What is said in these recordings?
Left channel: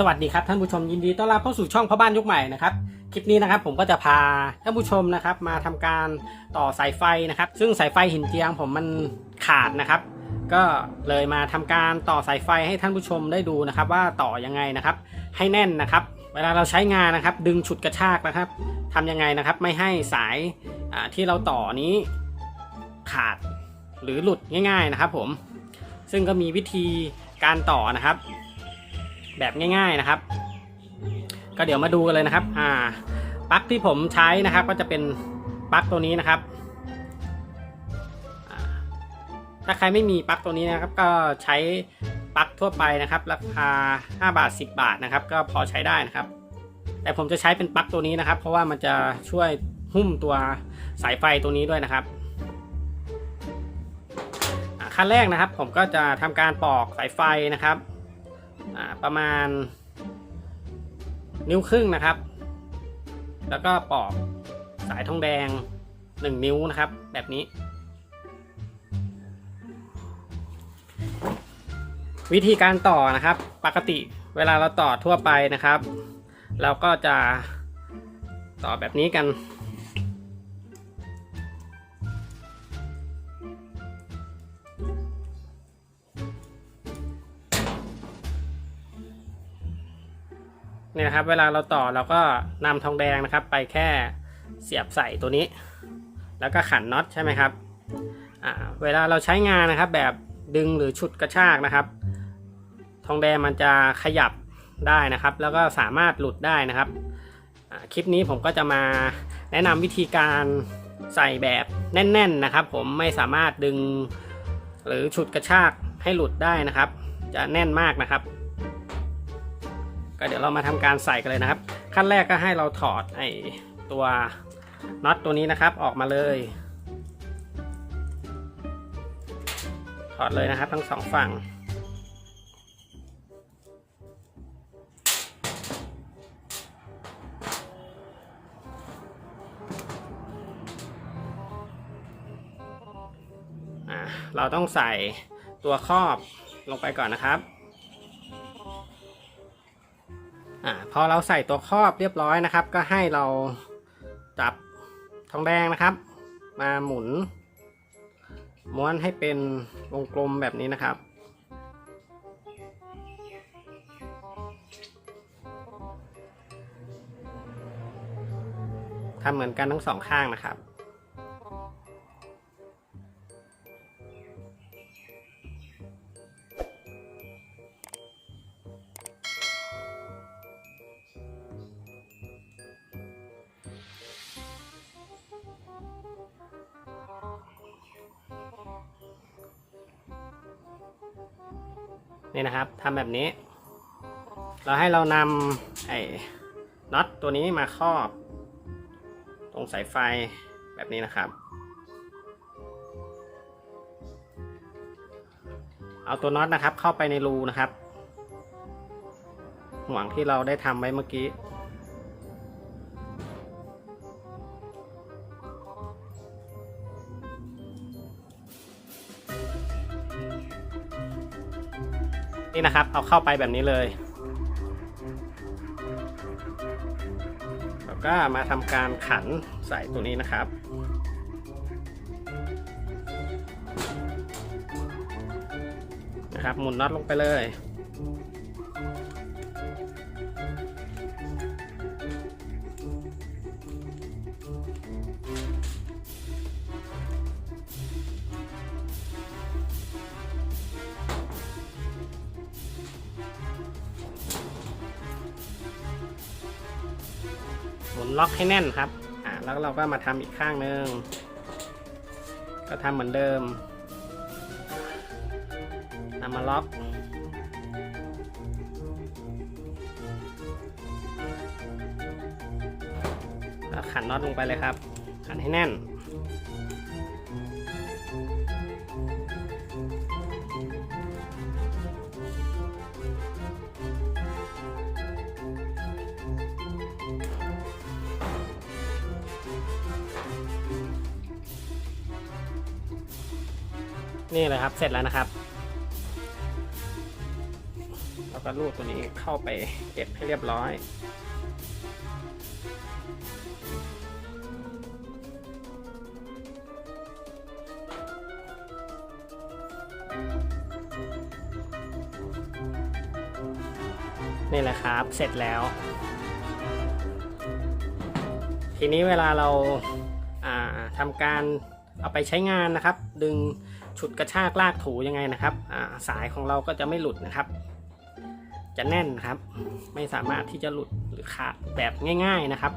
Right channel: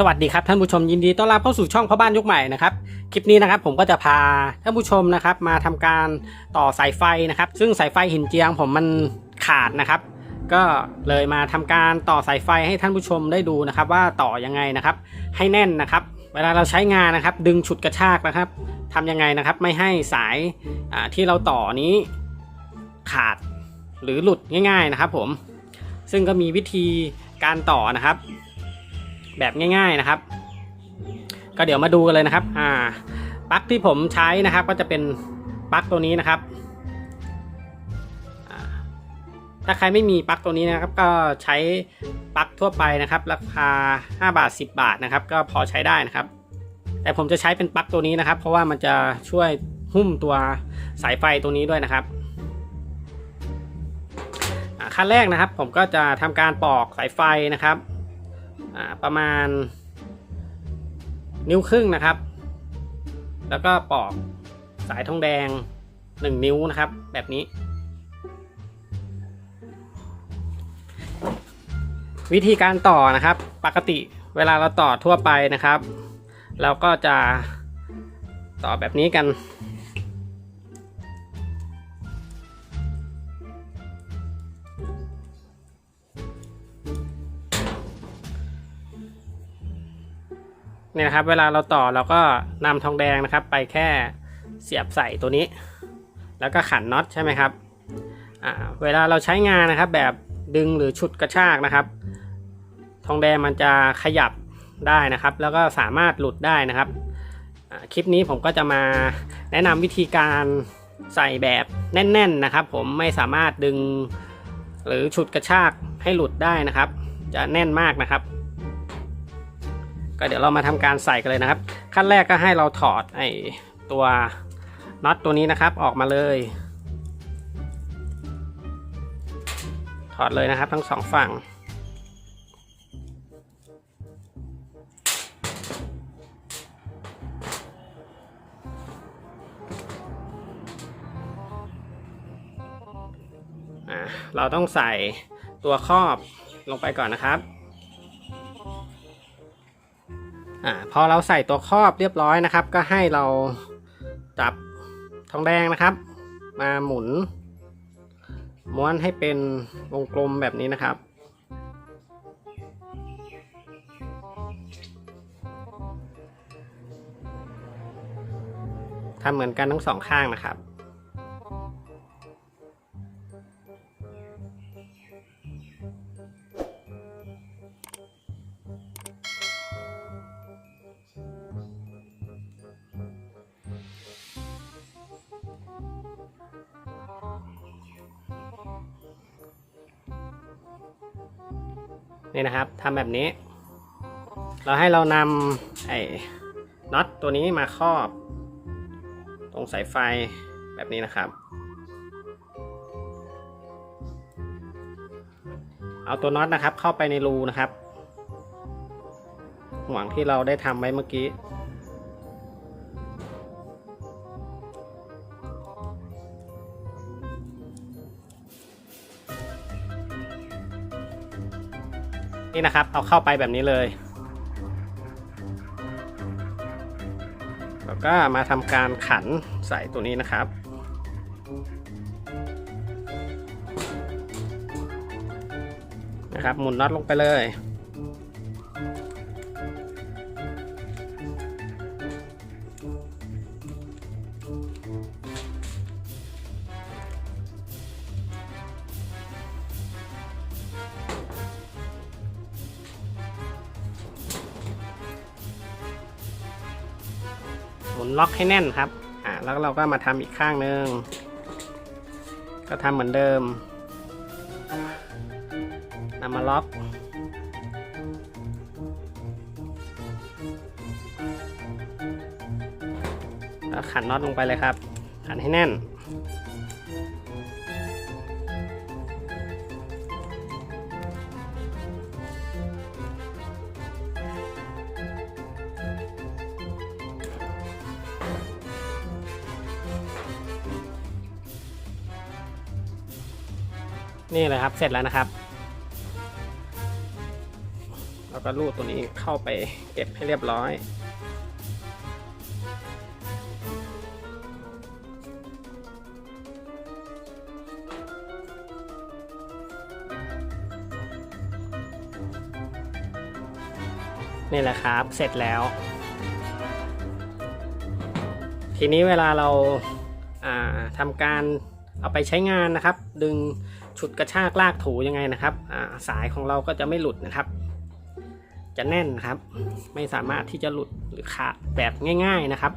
สวัสดีครับท่านผู้ชมยินดีต้อนรับเข้าสู่ช่องพ่อบ้านยุคใหม่นะครับคลิปนี้นะครับผมก็จะพาท่านผู้ชมนะครับมาทำการต่อสายไฟนะครับ ซึ่งสายไฟหินเจียงผมมันขาดนะครับ ก็เลยมาทำการต่อสายไฟให้ท่านผู้ชมได้ดูนะครับ ว่าต่อยังไงนะครับ ให้แน่นนะครับ เวลาเราใช้งานนะครับ ดึงฉุดกระชากนะครับทำยังไงนะครับ ไม่ให้สายที่เราต่อนี้ขาดหรือหลุดง่าย ๆนะครับ ผมซึ่งก็มีวิธีการต่อนะครับ แบบง่าย ๆนะครับ ก็เดี๋ยวมาดูกันเลยนะครับ อ่าปลั๊กที่ผมใช้นะครับ ก็จะเป็นปลั๊กตัวนี้นะครับ ถ้าใครไม่มีปลั๊กตัวนี้นะครับ ก็ใช้ปลั๊กทั่วไปนะครับ ราคา 5 บาท 10 บาทนะครับ ก็พอใช้ได้นะครับ แต่ผมจะใช้เป็นปลั๊กตัวนี้นะครับ เพราะว่ามันจะช่วยหุ้มตัวสายไฟตัวนี้ด้วยนะครับขั้นแรกนะครับ ผมก็จะทำการปอกสายไฟนะครับ ประมาณ นิ้วครึ่งนะครับ แล้วก็ปอกสายทองแดง 1 นิ้วนะครับ แบบนี้ วิธีการต่อนะครับ ปกติเวลาเราต่อทั่วไปนะครับ เราก็จะต่อแบบนี้กัน เนี่ยนะครับ เวลาเราต่อเราก็นำทองแดงนะครับ ไปแค่เสียบใส่ตัวนี้ แล้วก็ขันน็อตใช่ไหมครับเวลาเราใช้งานนะครับ แบบดึงหรือฉุดกระชากนะครับ ทองแดงมันจะขยับได้นะครับ แล้วก็สามารถหลุดได้นะครับคลิปนี้ผมก็จะมาแนะนำวิธีการใส่แบบแน่น ๆนะครับ ผมไม่สามารถดึงหรือฉุดกระชากให้หลุดได้นะครับ จะแน่นมากนะครับ ก็เดี๋ยวเรามาทำการใส่กันเลยนะครับ ขั้นแรกก็ให้เราถอดไอ้ตัวน็อตตัวนี้นะครับออกมาเลย ถอดเลยนะครับทั้งสองฝั่งเราต้องใส่ตัวครอบลงไปก่อนนะครับ อ่าพอเราใส่ตัวครอบเรียบร้อยนะครับ ก็ให้เราจับทองแดงนะครับ มาหมุน ม้วนให้เป็นวงกลมแบบนี้นะครับทำเหมือนกันทั้งสองข้างนะครับ นี่นะครับทำแบบนี้ เราให้เรานำไอ้น็อตตัวนี้มาครอบ ตรงสายไฟแบบนี้นะครับ เอาตัวน็อตนะครับเข้าไปในรูนะครับ ห่วงที่เราได้ทำไว้เมื่อกี้ นี่นะครับ เอาเข้าไปแบบนี้เลย แล้วก็มาทำการขันใส่ตัวนี้นะครับนะครับหมุนน็อตลงไปเลย นล็อกให้แน่นครับอ่าแล้วเราก็มาทำอีกข้างหนึ่งก็ทำเหมือนเดิมนำมาล็อกแล้วขันน็อตลงไปเลยครับขันให้แน่น นี่เลยครับเสร็จแล้วนะครับแล้วก็รูดตัวนี้เข้าไปเก็บให้เรียบร้อยนี่แหละครับ เสร็จแล้ว ทีนี้เวลาเราาทำการเอาไปใช้งานนะครับ ดึง ฉุดกระชากลากถูยังไงนะครับสายของเราก็จะไม่หลุดนะครับ จะแน่นครับ ไม่สามารถที่จะหลุดหรือขาดแบบง่าย ๆนะครับ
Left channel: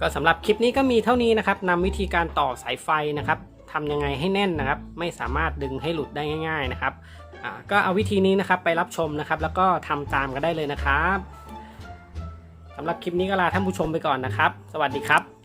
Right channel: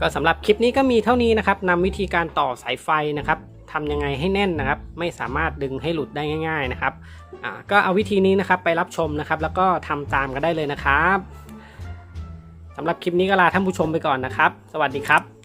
ก็สำหรับคลิปนี้ก็มีเท่านี้นะครับนำวิธีการต่อสายไฟนะครับทำยังไงให้แน่นนะครับ ไม่สามารถดึงให้หลุดได้ง่าย ๆนะครับก็เอาวิธีนี้นะครับไปรับชมนะครับ แล้วก็ทำตามกันได้เลยนะครับสำหรับคลิปนี้ก็ลาท่านผู้ชมไปก่อนนะครับ สวัสดีครับ